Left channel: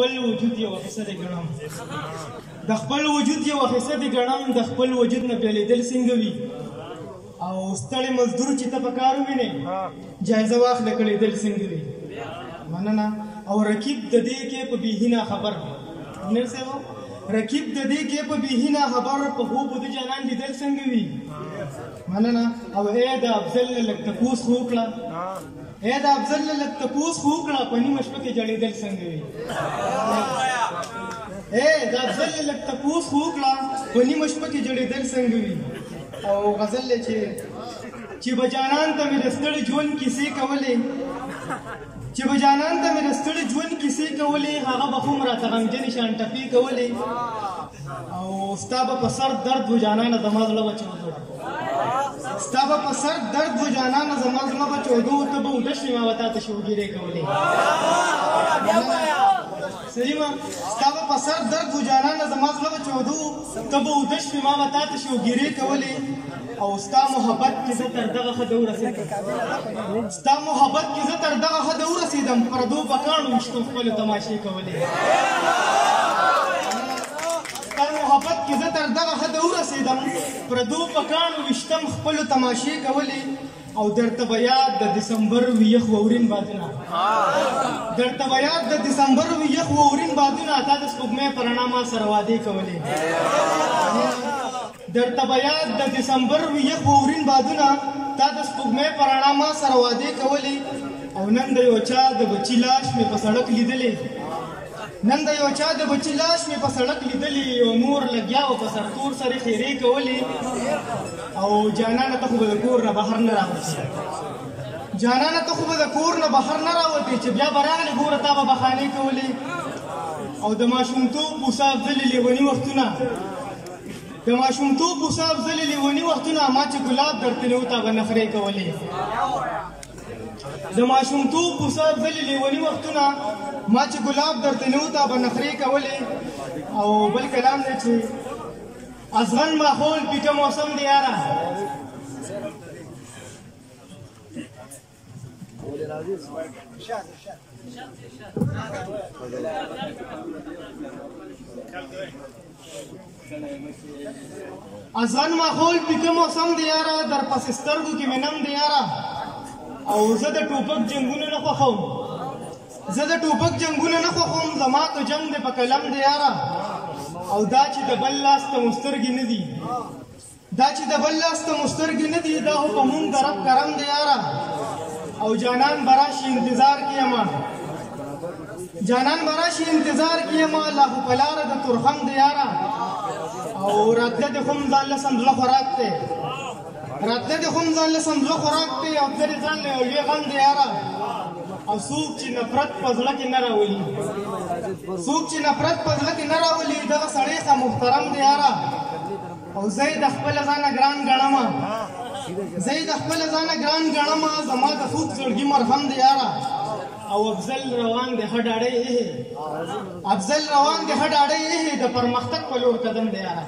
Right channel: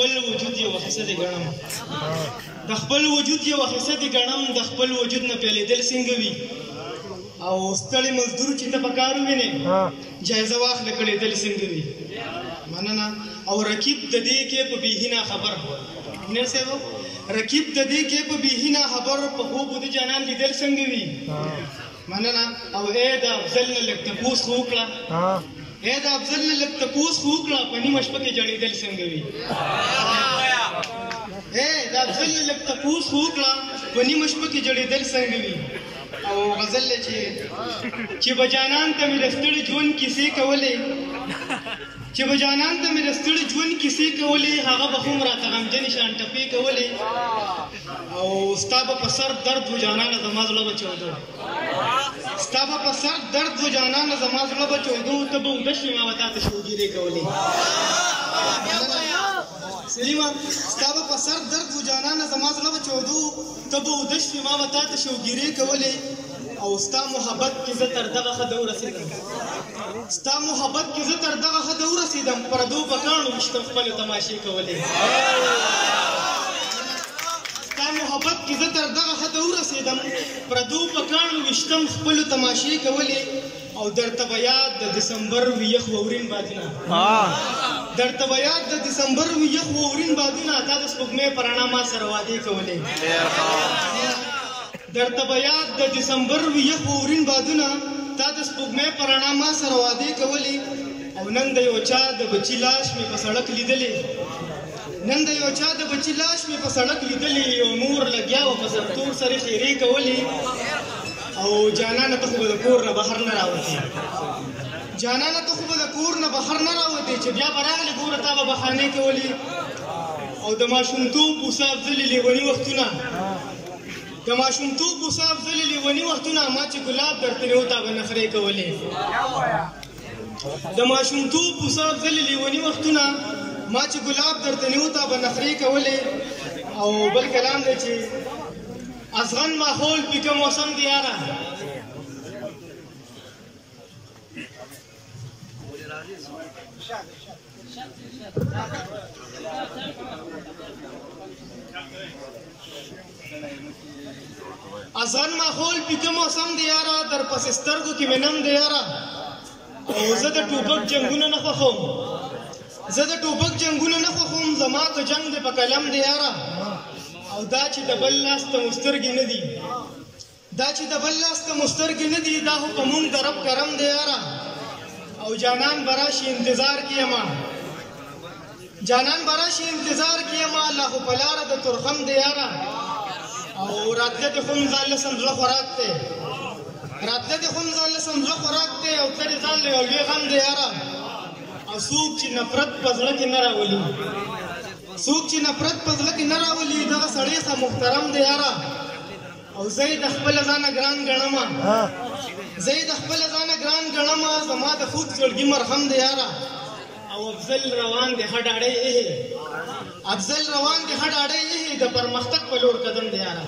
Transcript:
خپل وجود یو حصه دی ګڼم د خپل وجود یو حصه دی ګڼم د خپل وجود نه پیلېدل څنګه وي او ستړی مزدور چې ته په کار ووینې جایزه واخله کړېدل څنګه وي مننه او رقیب د دې کې په بېهینه خبر انجینر صاحب رقیب د دې کې په بېهینه خبر په خوب د جانان لیدل څنګه وي مننه او ای د افضل نه لږ تپوس خو وکړه ای د افضل نه لږ تپوس خو وکړه په نیمه شپه کې جړېدل څنګه وي ای د افضل نه لږ تپوس خو وکړه په نیمه شپه کې جړېدل څنګه وي او غزل چې به جانان ته مې د ستړي ژوند کیسې کولې چې به جانان ته مې د ستړي ژوند کیسې کولې هغه به خو م راته غمجنې شان ټپې کولې او ستا به په سر درد و جانانه زما زړه به چودو ستا به په سر درد و جانانه زما زړه به چودو ته به اوده شوې ما به تا ته شوګیرې کولې سلیمه ستا به په سر درد و جانانه زما زړه به چودو ته به اوده شوې ما به تا ته شوګیرې کولې او ستا محبت کې زه تر دغه حده ورسېدم ستا محبت کې زه تر دغه حده ورسېدم پردو په کاڼو ویشتم خپلو تماشې کولې ستا محبت کې زه تر دغه حده ورسېدم پردو په کاڼو ویشتم خپلو تماشې کولې او درته به یاد د دسمبر وي یخ واورین بادونه درته به یاد د دسمبر وي یخ واورین بادونه تا د سپوږمۍ په رڼا ما سره وعدې کولې درته به یاد د دسمبر وي یخ واورین بادونه تا د سپوږمۍ په رڼا ما سره وعدې کولې او نن د یو چا د بچي لاش مې په سړک لیدلې نن د یو چا د بچي لاش مې په سړک لیدلې یو مور لګیا و په سرتور سره خیرې کولې او جانانه ته خو به د کور نه بهر نه راوتې جانانه ته خو به د کور نه بهر نه راوتې چې بیا به راغلې ګوره تا به بهانې کولې او د ماشومتوب بوسه افضلې لیوني وختونه د ماشومتوب بوسه افضلې لیوني وختونه ما چې ګلاب درته نه و تا به نخرې کولې د ماشومتوب بوسه افضلې لیوني وختونه ما چې ګلاب درته نه و تا به نخرې کولې او بل کلام دی چې ازغن ماحول پیکه موسم دی یاره ازغن ماحول پیکه موسم دی یاره در پس سترګو کې مې نم دی یاره او زه د ټوپک جنګونه نه خوښوم زه د ټوپک جنګونه نه خوښوم زما که جنګ دی په قلم دی یاره او دا چې د بل لاس ته مسترګې نه دي دا چې د بل لاس ته مسترګې نه دي دا خو په مونږ د رب کرم دی یاره او جانان به راشي انتظار کې یمه جانان به راشي انتظار کې یمه لا خو په لاره د ترخم دی یاره او راتله دې خو م ځان له سمزړه خوراک دی راتله دې خو م ځان له سمزړه خوراک دی او تلې ځان له یو لوی غم دی یاره او څوک چې نفرت په زړه کې نه راولي څوک چې نفرت په زړه کې نه راولي دغه سړی ښه محترم دی یاره او زه یې د خپله ځانه ګران ګڼمه زه یې د خپله ځانه ګران ګڼمه زما د خوږ زړګي مرهم دی یاره او افضل روان دی ښه ډاډی ایښې افضل روان دی ښه ډاډی ایښې د پرمختګ په لور قدم دی یاره